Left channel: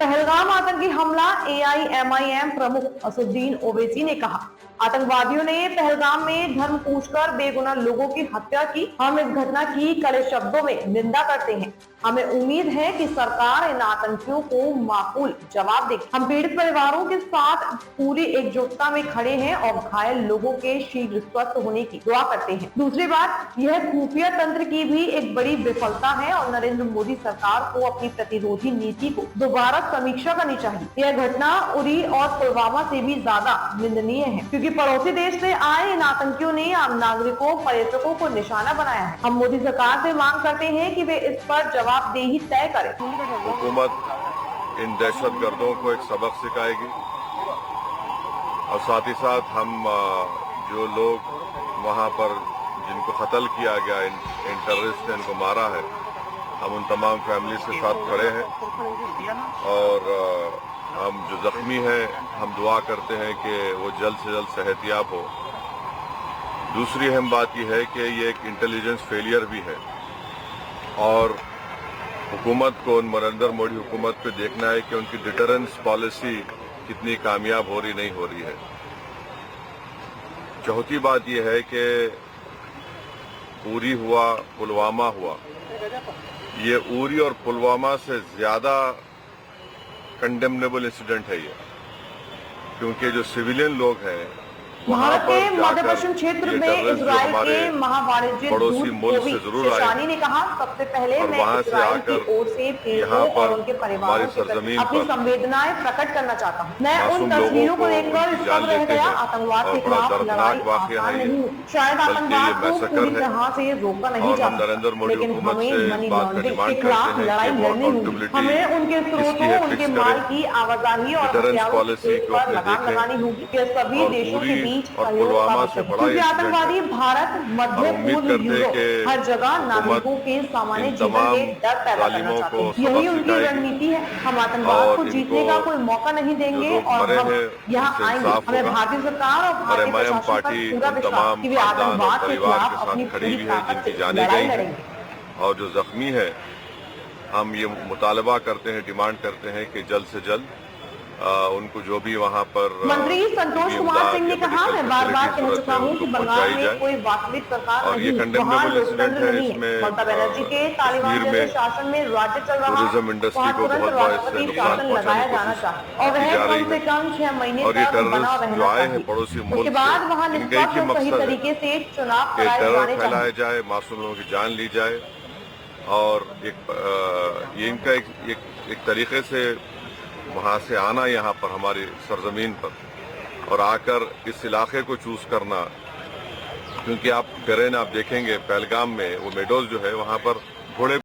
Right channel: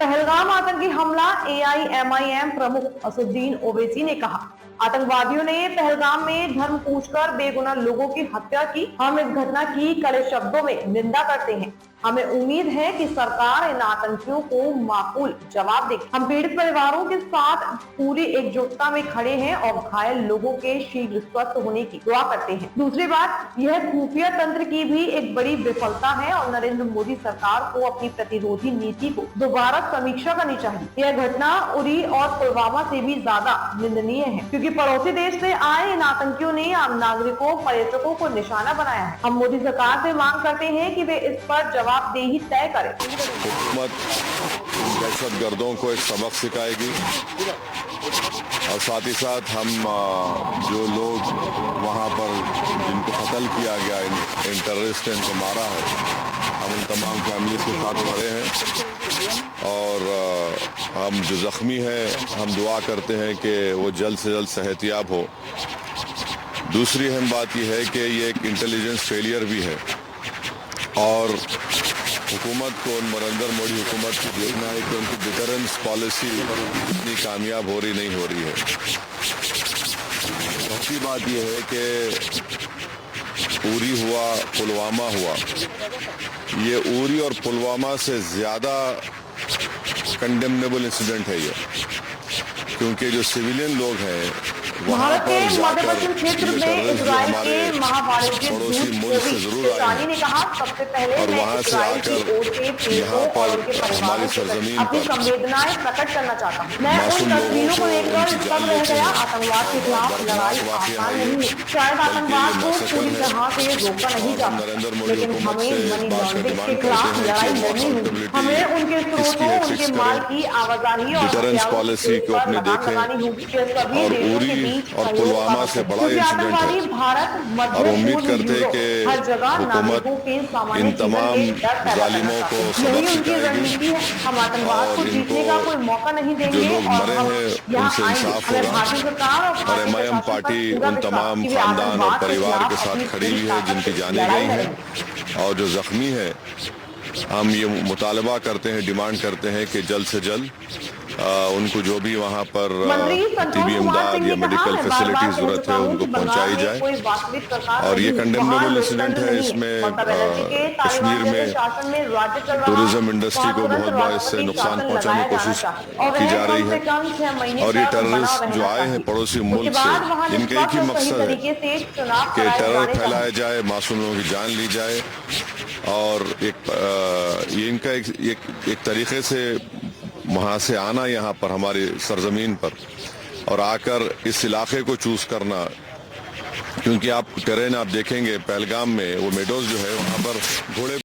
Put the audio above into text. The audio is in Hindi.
पहलगाम आतंकी हमला, एआईएमआईएम प्रमुख असदुद्दीन ओवैसी ने कहा, आतंकवादियों ने पहलगाम में धर्म पूछकर बेगुनाह लोगों की हत्या की। हम इस घटना की कड़े शब्दों में निंदा करते हैं। हमें उम्मीद है कि सरकार इन आतंकियों को माकूल जवाब देगी। हम पीड़ित परिवारों के साथ पूरी एकजुटता में खड़े हैं और घायल लोगों के शीघ्र स्वस्थ होने की दुआ करते हैं। दूसरी बात, यह खुफिया तंत्र की भी एक बड़ी विफलता है और नरेंद्र मोदी सरकार को अपनी प्रतिरोधी नीति को दोबारा समीक्षा करनी चाहिए। यह घटना उरी और पुलवामा से भी ज्यादा निंदनीय है, क्योंकि पड़ोसी देश से आए इन आतंकियों ने आम नागरिकों, पर्यटकों को निशाना बनाया है। हम मोदी सरकार से मांग करते हैं कि वे इस पर जवाबदेही तय करें। हुकूमत इन दहशतगर्दों को एक सबक सिखाएगी और साथ ही साथ हम जो लोग वहाँ पर जिनको कत्ल किया गया, इन टेररिस्ट ने इनको मारा है, हम उन तमाम फैमिलीज के साथ खड़े हैं और हम जो जख्मी हैं हम दुआ करते हैं कि वो जल्द से जल्द सेहतियाब हो। दूसरी अहम बात यह है कि ये एक इंटेलिजेंस फेलियर भी है और हुकूमत को, नरेंद्र मोदी हुकूमत पे देखना है कि उनकी डिटरेंस पॉलिसी इतनी कामयाब हो रही नहीं हो रही है। चौथी बात यह है कि उरी हुआ, पुलवामा हुआ, ये उरी और पुलवामा से ज़्यादा कंडेमनेबल इंसिडेंट है ये, क्योंकि जो सिविलियन लोग हैं भारत के मध्य पश्चिम क्षेत्र में इजराइल के महावाणिज्य दूत कोवी शेशानी ने कहा, सबसे पहले मैं इजराइल की ओर से पीड़ितों और उनके परिवारों के प्रति अपनी संवेदनाएं प्रकट करना चाहता हूं। मैं उन तस्वीरों को देखकर स्तब्ध रह गया। आतंकवाद के खिलाफ लड़ाई आसान नहीं है। शायद आतंकवाद को पूरी तरह से रोका नहीं जा सकता, लेकिन हमें मनी लॉन्ड्रिंग के खिलाफ लड़ाई लड़नी होगी। हमें उनके स्रोतों, उनके माल की आवाजाही और हथियारों की खेप पर लगाम लगानी होगी। यह सभी देशों के बीच सहयोग का विषय है, क्योंकि आतंकवादी भारत, मध्य पूर्व, यूरोप, हर जगह नागरिकों के सामान्य जीवन में डर पैदा करना चाहते हैं। यही उनकी रणनीति है। हम आतंकवाद को जीतने का कोई मौका नहीं देंगे और हम यहाँ आएंगे। हमें भारतीय सरकार और भारतीय प्रशासन पर पूरा विश्वास कि वे आतंकवाद के खिलाफ अपनी पूरी ताकत से लड़ाई लड़ेंगे। और जो जख्मी है, हम ये मुतालबा करते हैं, डिमांड करते हैं कि जल्द से जल्द उनको जो भी वहाँ पर मंत्री संतोष कुमार सिंह ने कहा, मैं बार बार कह चुका हूँ कि बंगाल में कोई वास्तविक सरकार नहीं है, वहाँ लोकतंत्र नहीं है। ममता बनर्जी के तालिबान जैसे शासन में राज्य चल रहा है, वहाँ तुरंत राष्ट्रपति शासन लगाया जाना चाहिए और वह कम से कम 6 महीने तक बना रहना चाहिए। उसके बाद वहाँ निष्पक्ष और सही तरीके से चुनाव कराए जाने चाहिए, मासूम लोगों की जान ली जाए और इनका एक तरीके से वहाँ से आना यहाँ पर हमारी सरजमीन पर और आकर इस इलाके को चूज करना, क्योंकि आप करें ना, आप देखेंगे पहलगाम में वो मेडोज जो है वहाँ पर घोड़े